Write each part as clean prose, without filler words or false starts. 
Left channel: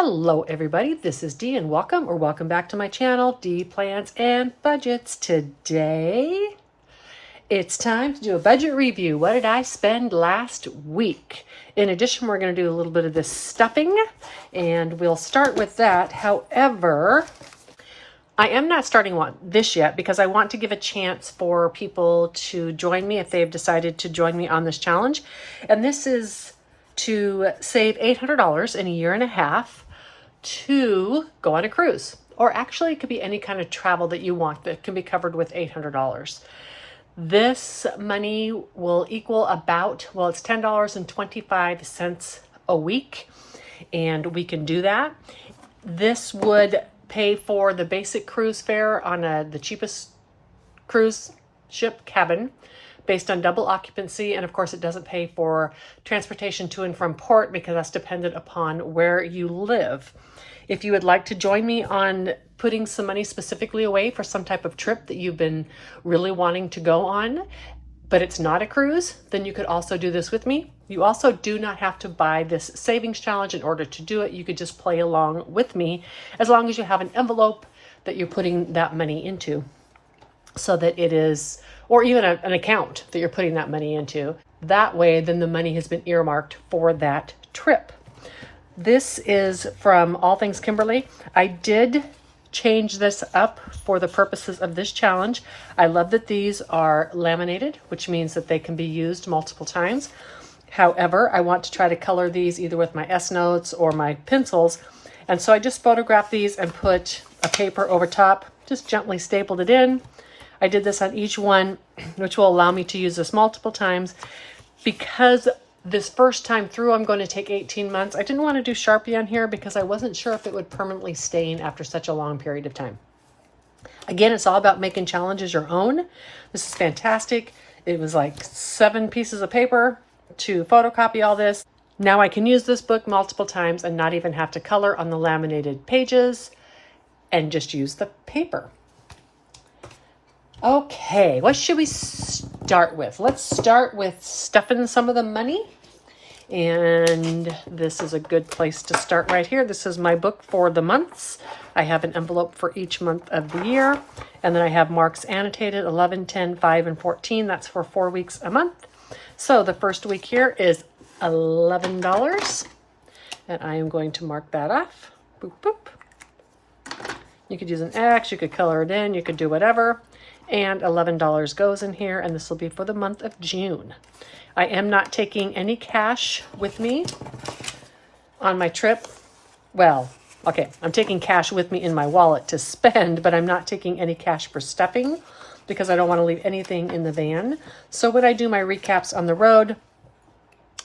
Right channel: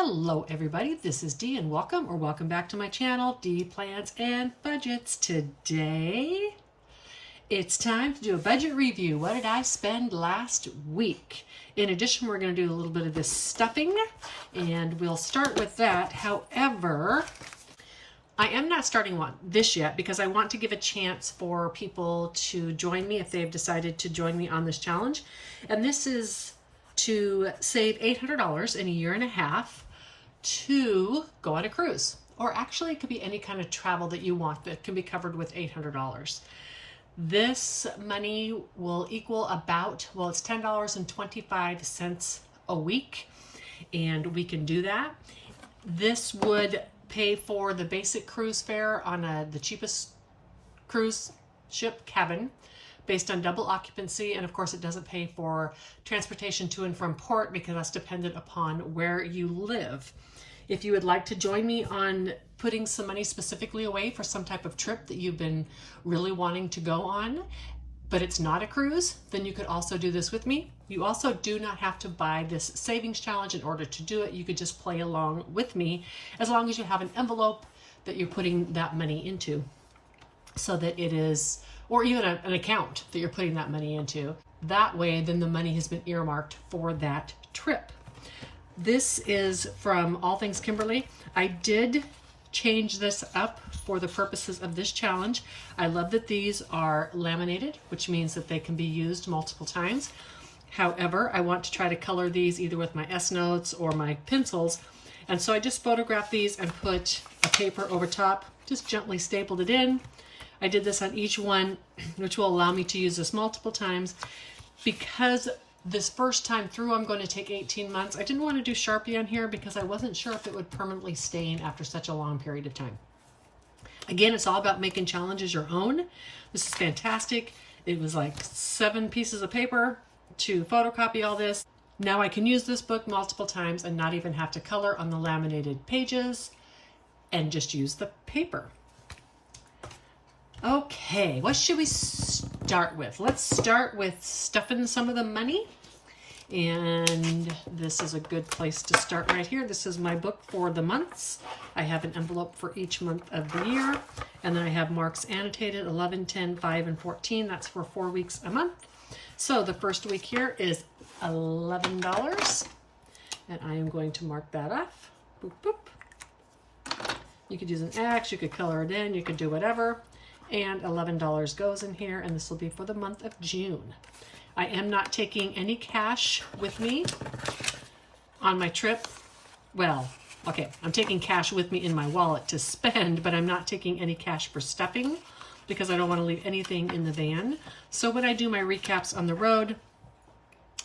Hello everybody, this is Dee and welcome back to my channel, Dee Plans and Budgets. Today, it's time to do a budget review. What did I spend last week? In addition, we're going to do a little bit of this stuffing and we'll start with that. However, I am not starting this yet because I want to give a chance for people to join me if they've decided to join me on this challenge. And this is to save $800 in a year and a half to go on a cruise. Or actually, it could be any kind of travel that you want that can be covered with $800. This money will equal about, well, it's $10.25 a week, and we can do that. This would pay for the basic cruise fare on the cheapest cruise ship cabin based on double occupancy. And of course, it doesn't pay for transportation to and from port because that's dependent upon where you live. If you would like to join me on putting some money specifically away for some type of trip that you've been really wanting to go on, but it's not a cruise, then you could also do this with me. You also do not have to buy this savings challenge in order to do it. You could just play along with me as long as you have an envelope that you're putting that money into, so that it is, or even an account that you're putting that money into. That way, then the money has been earmarked for that trip. This is from All Things Kimberly. I did change this up for the purposes of this challenge. I love that these are laminated, which means that they can be used multiple times. However, I want to try to color these either with my S-Notes or my pencils. And so I just photographed these and put a paper over top, just gently stapled it in. I did this on each one, which will allow me to use this multiple times. Because this first time through, I'm going to take 18 months. I didn't want to do Sharpie on here because I wasn't sure if it would permanently stain after such a long period of time. Again, it's all about making challenges your own. This is fantastic. It was like 7 pieces of paper to photocopy all this. Now I can use this book multiple times and not even have to color on the laminated pages and just use the paper. Okay, what should we start with? Let's start with stuffing some of the money. And this is a good place to start right here. This is my book for the months. I have an envelope for each month of the year. And then I have marks annotated, 11, 10, 5, and 14. That's for 4 weeks a month. So the first week here is $11. And I am going to mark that off. Boop, boop. You could use an X, you could color it in, you could do whatever. And $11 goes in here, and this will be for the month of June. I am not taking any cash with me on my trip. Well, okay, I'm taking cash with me in my wallet to spend, but I'm not taking any cash for stuffing because I don't want to leave anything in the van. So when I do my recaps on the road,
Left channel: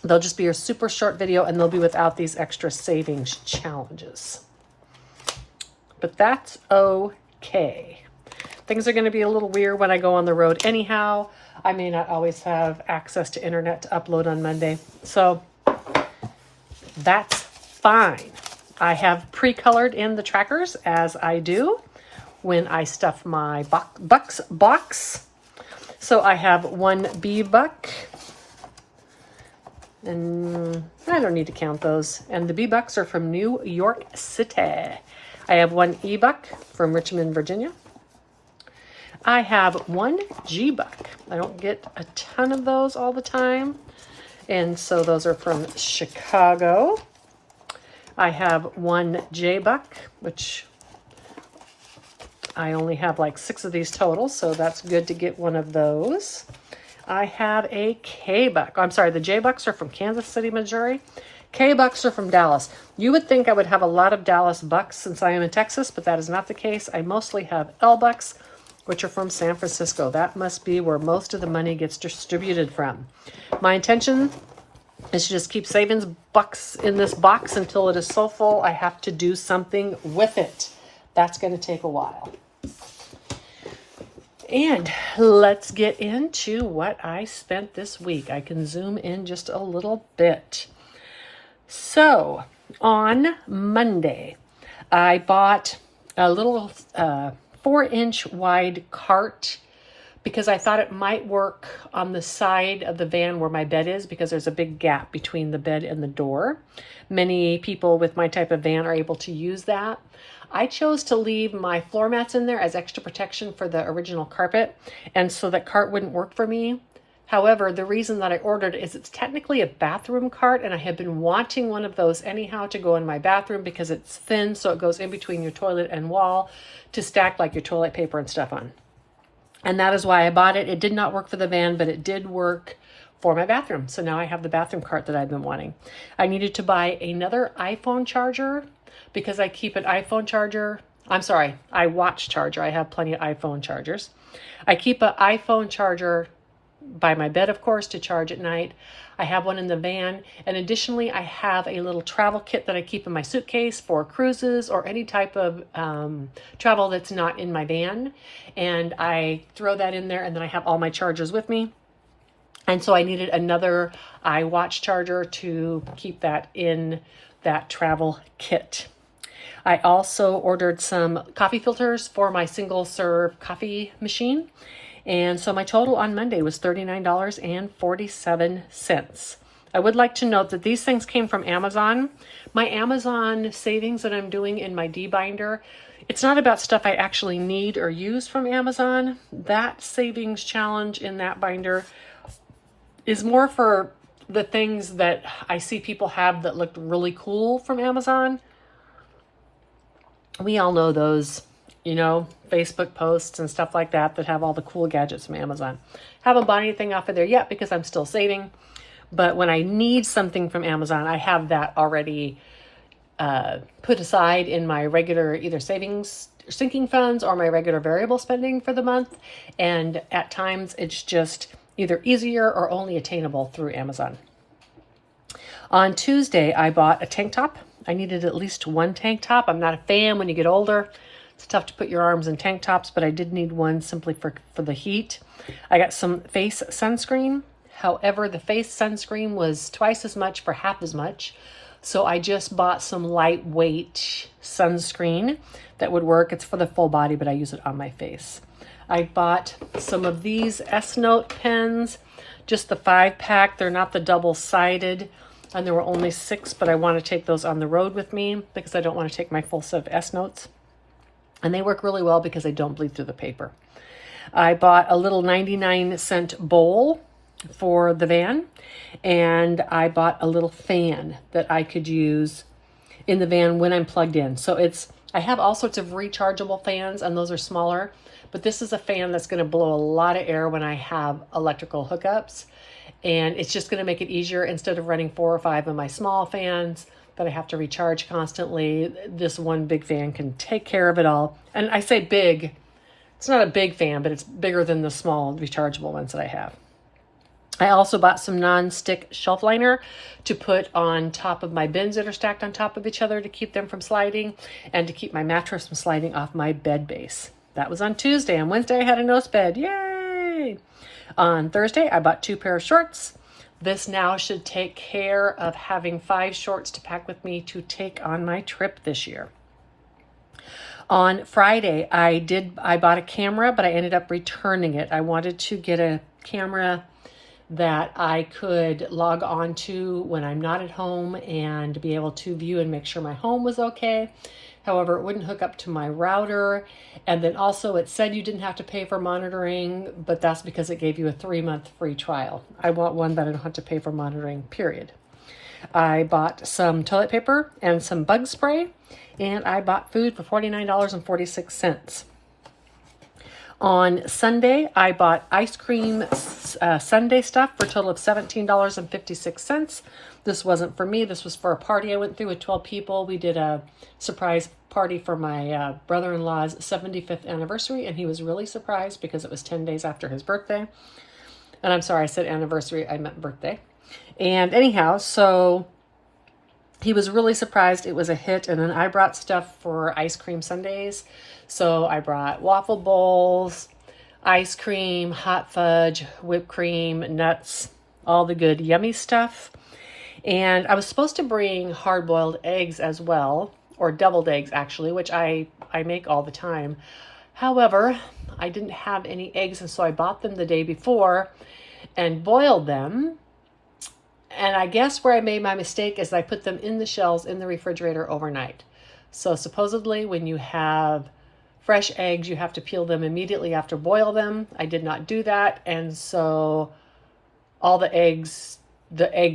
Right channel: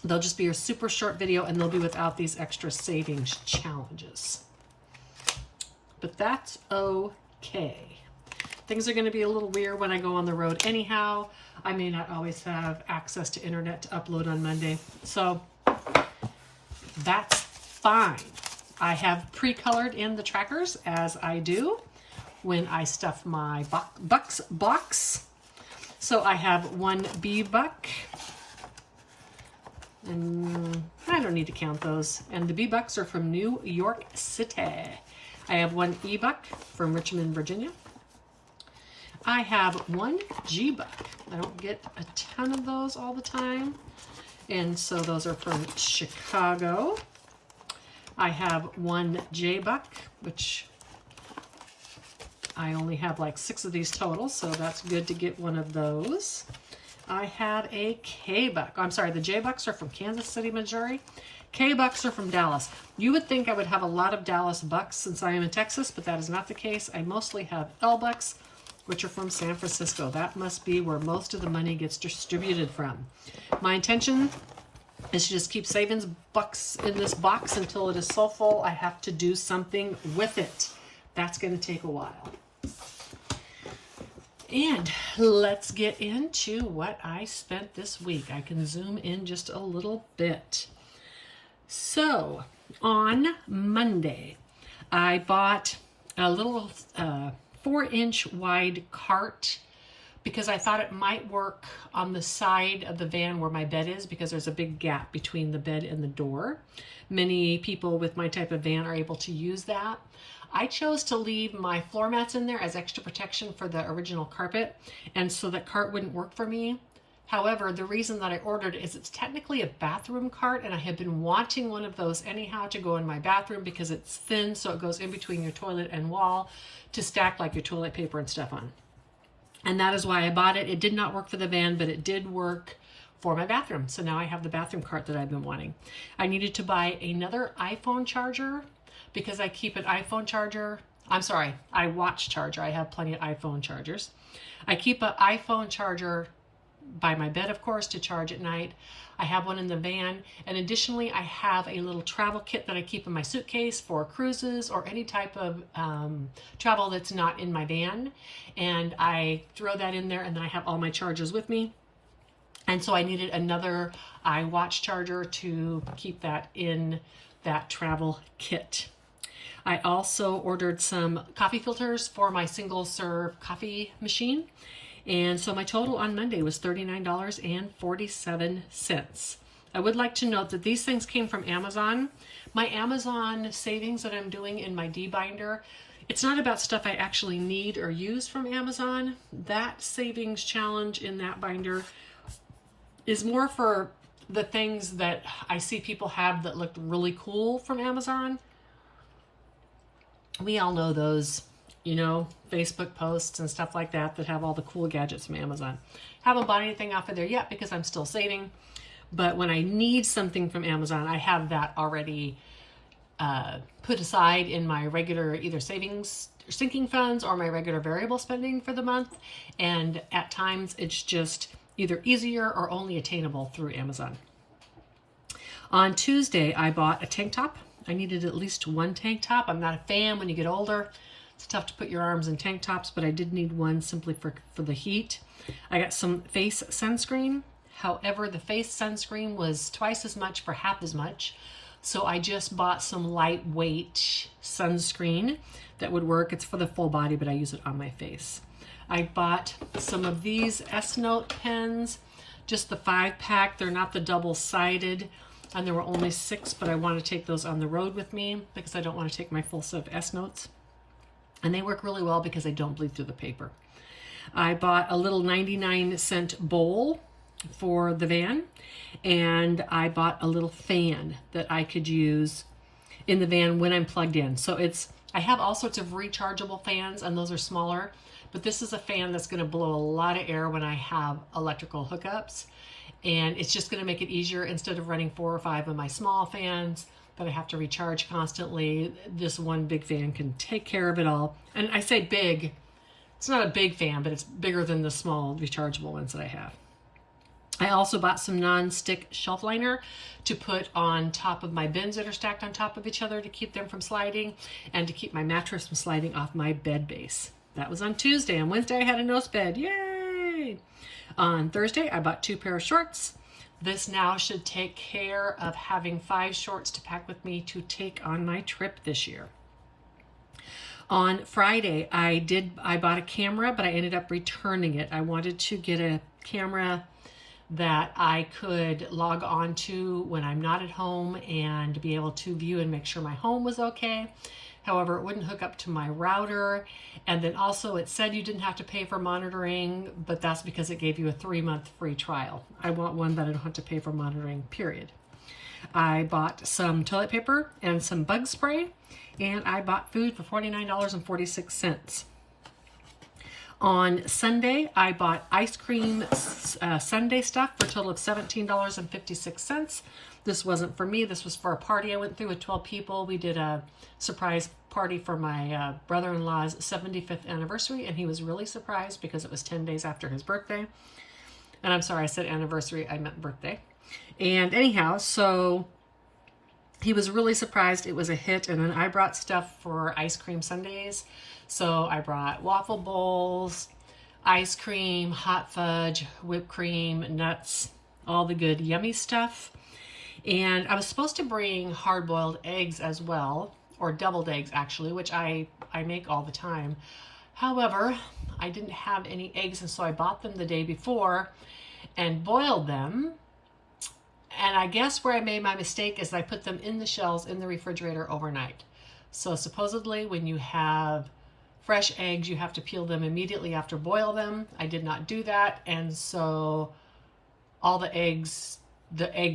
they'll just be a super short video and they'll be without these extra savings challenges. But that's okay. Things are going to be a little weird when I go on the road anyhow. I may not always have access to internet to upload on Monday. So that's fine. I have pre-colored in the trackers as I do when I stuff my box. So I have one B buck. And I don't need to count those. And the B bucks are from New York City. I have one E buck from Richmond, Virginia. I have one G buck. I don't get a ton of those all the time. And so those are from Chicago. I have one J buck, which I only have like 6 of these total. So that's good to get one of those. I have a K buck. I'm sorry, the J bucks are from Kansas City, Missouri. K bucks are from Dallas. You would think I would have a lot of Dallas bucks since I am in Texas, but that is not the case. I mostly have L bucks, which are from San Francisco. That must be where most of the money gets distributed from. My intention is to just keep saving bucks in this box until it is so full I have to do something with it. That's going to take a while. And let's get into what I spent this week. I can zoom in just a little bit. So on Monday, I bought a little 4-inch wide cart because I thought it might work on the side of the van where my bed is, because there's a big gap between the bed and the door. Many people with my type of van are able to use that. I chose to leave my floor mats in there as extra protection for the original carpet, and so that cart wouldn't work for me. However, the reason that I ordered is it's technically a bathroom cart, and I have been wanting one of those anyhow to go in my bathroom because it's thin, so it goes in between your toilet and wall to stack like your toilet paper and stuff on. And that is why I bought it. It did not work for the van, but it did work for my bathroom. So now I have the bathroom cart that I've been wanting. I needed to buy another iPhone charger because I keep an iPhone charger. I'm sorry, iWatch charger. I have plenty of iPhone chargers. I keep an iPhone charger by my bed, of course, to charge at night. I have one in the van. And additionally, I have a little travel kit that I keep in my suitcase for cruises or any type of travel that's not in my van. And I throw that in there, and then I have all my chargers with me. And so I needed another iWatch charger to keep that in that travel kit. I also ordered some coffee filters for my single serve coffee machine. And so my total on Monday was $39.47. I would like to note that these things came from Amazon. My Amazon savings that I'm doing in my D-binder, it's not about stuff I actually need or use from Amazon. That savings challenge in that binder is more for the things that I see people have that look really cool from Amazon. We all know those, you know, Facebook posts and stuff like that that have all the cool gadgets from Amazon. Haven't bought anything off of there yet because I'm still saving. But when I need something from Amazon, I have that already put aside in my regular either savings, sinking funds, or my regular variable spending for the month. And at times it's just either easier or only attainable through Amazon. On Tuesday, I bought a tank top. I needed at least one tank top. I'm not a fan when you get older. It's tough to put your arms in tank tops, but I did need one simply for the heat. I got some face sunscreen. However, the face sunscreen was twice as much for half as much. So I just bought some lightweight sunscreen that would work. It's for the full body, but I use it on my face. I bought some of these S-Note pens, just the 5-pack. They're not the double-sided, and there were only 6, but I want to take those on the road with me because I don't want to take my full set of S-Notes. And they work really well because they don't bleed through the paper. I bought a little 99-cent bowl for the van, and I bought a little fan that I could use in the van when I'm plugged in. So I have all sorts of rechargeable fans, and those are smaller, but this is a fan that's going to blow a lot of air when I have electrical hookups, and it's just going to make it easier. Instead of running 4 or 5 of my small fans that I have to recharge constantly, this one big fan can take care of it all. And I say big, it's not a big fan, but it's bigger than the small rechargeable ones that I have. I also bought some non-stick shelf liner to put on top of my bins that are stacked on top of each other to keep them from sliding and to keep my mattress from sliding off my bed base. That was on Tuesday. On Wednesday, I had a nose bed. Yay! On Thursday, I bought 2 pair of shorts. This now should take care of having 5 shorts to pack with me to take on my trip this year. On Friday, I bought a camera, but I ended up returning it. I wanted to get a camera that I could log on to when I'm not at home and be able to view and make sure my home was okay. However, it wouldn't hook up to my router. And then also it said you didn't have to pay for monitoring, but that's because it gave you a 3-month free trial. I want one that I don't have to pay for monitoring, period. I bought some toilet paper and some bug spray, and I bought food for $49.46. On Sunday, I bought ice cream sundae stuff for a total of $17.56. This wasn't for me. This was for a party I went through with 12 people. We did a surprise party for my brother-in-law's 75th anniversary, and he was really surprised because it was 10 days after his birthday. And I'm sorry, I said anniversary, I meant birthday. And anyhow, so he was really surprised it was a hit. And then I brought stuff for ice cream sundaes. So I brought waffle bowls, ice cream, hot fudge, whipped cream, nuts, all the good yummy stuff. And I was supposed to bring hard-boiled eggs as well, or deviled eggs actually, which I make all the time. However, I didn't have any eggs, and so I bought them the day before and boiled them. And I guess where I made my mistake is I put them in the shells in the refrigerator overnight. So supposedly when you have fresh eggs, you have to peel them immediately after boil them. I did not do that, and so all the egg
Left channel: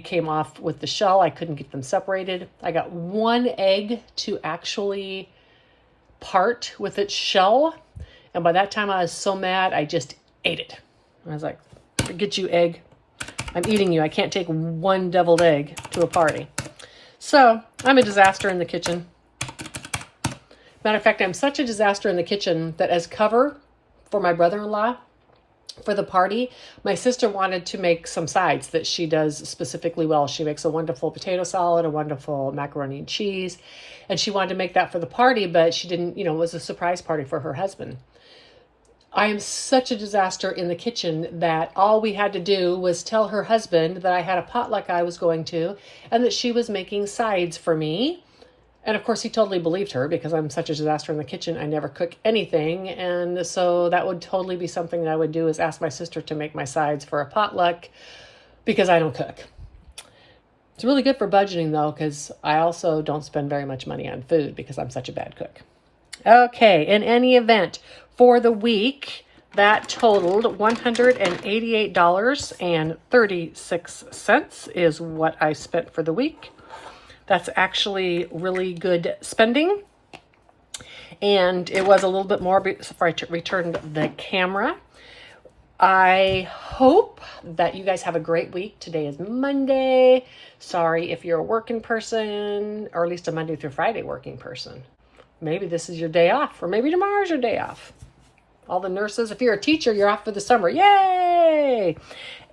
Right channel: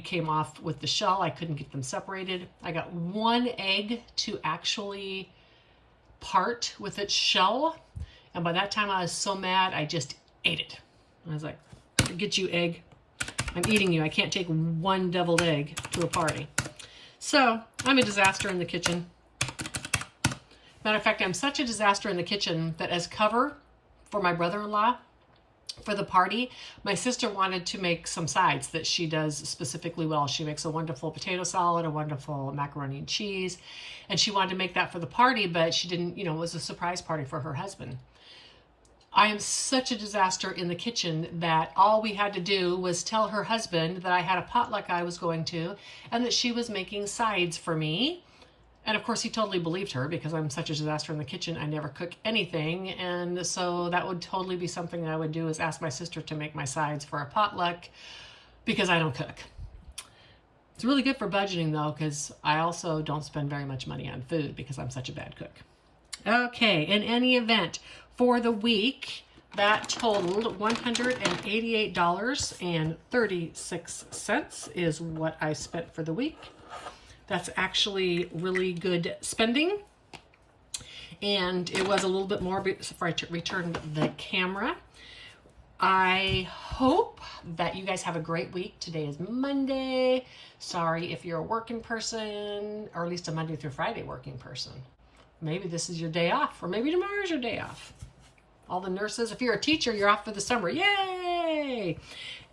came off with the shell. I couldn't get them separated. I got one egg to actually part with its shell, and by that time I was so mad I just ate it. I was like, forget you, egg. I'm eating you. I can't take one deviled egg to a party. So I'm a disaster in the kitchen. Matter of fact, I'm such a disaster in the kitchen that as cover for my brother-in-law for the party, my sister wanted to make some sides that she does specifically well. She makes a wonderful potato salad, a wonderful macaroni and cheese, and she wanted to make that for the party, but she didn't, it was a surprise party for her husband. I am such a disaster in the kitchen that all we had to do was tell her husband that I had a potluck I was going to and that she was making sides for me. And of course, he totally believed her because I'm such a disaster in the kitchen. I never cook anything. And so that would totally be something that I would do, is ask my sister to make my sides for a potluck because I don't cook. It's really good for budgeting though, because I also don't spend very much money on food because I'm such a bad cook. Okay, in any event, for the week, that totaled $188.36 is what I spent for the week. That's actually really good spending. And it was a little bit more before I returned the camera. I hope that you guys have a great week. Today is Monday. Sorry if you're a working person, or at least a Monday through Friday working person. Maybe this is your day off, or maybe tomorrow's your day off. All the nurses, if you're a teacher, you're off for the summer. Yay!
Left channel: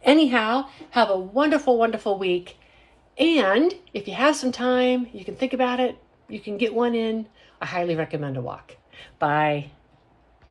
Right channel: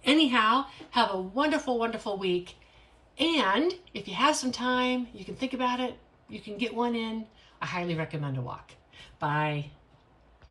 Anyhow, have a wonderful, wonderful week. And if you have some time, you can think about it, you can get one in. I highly recommend a walk. Bye.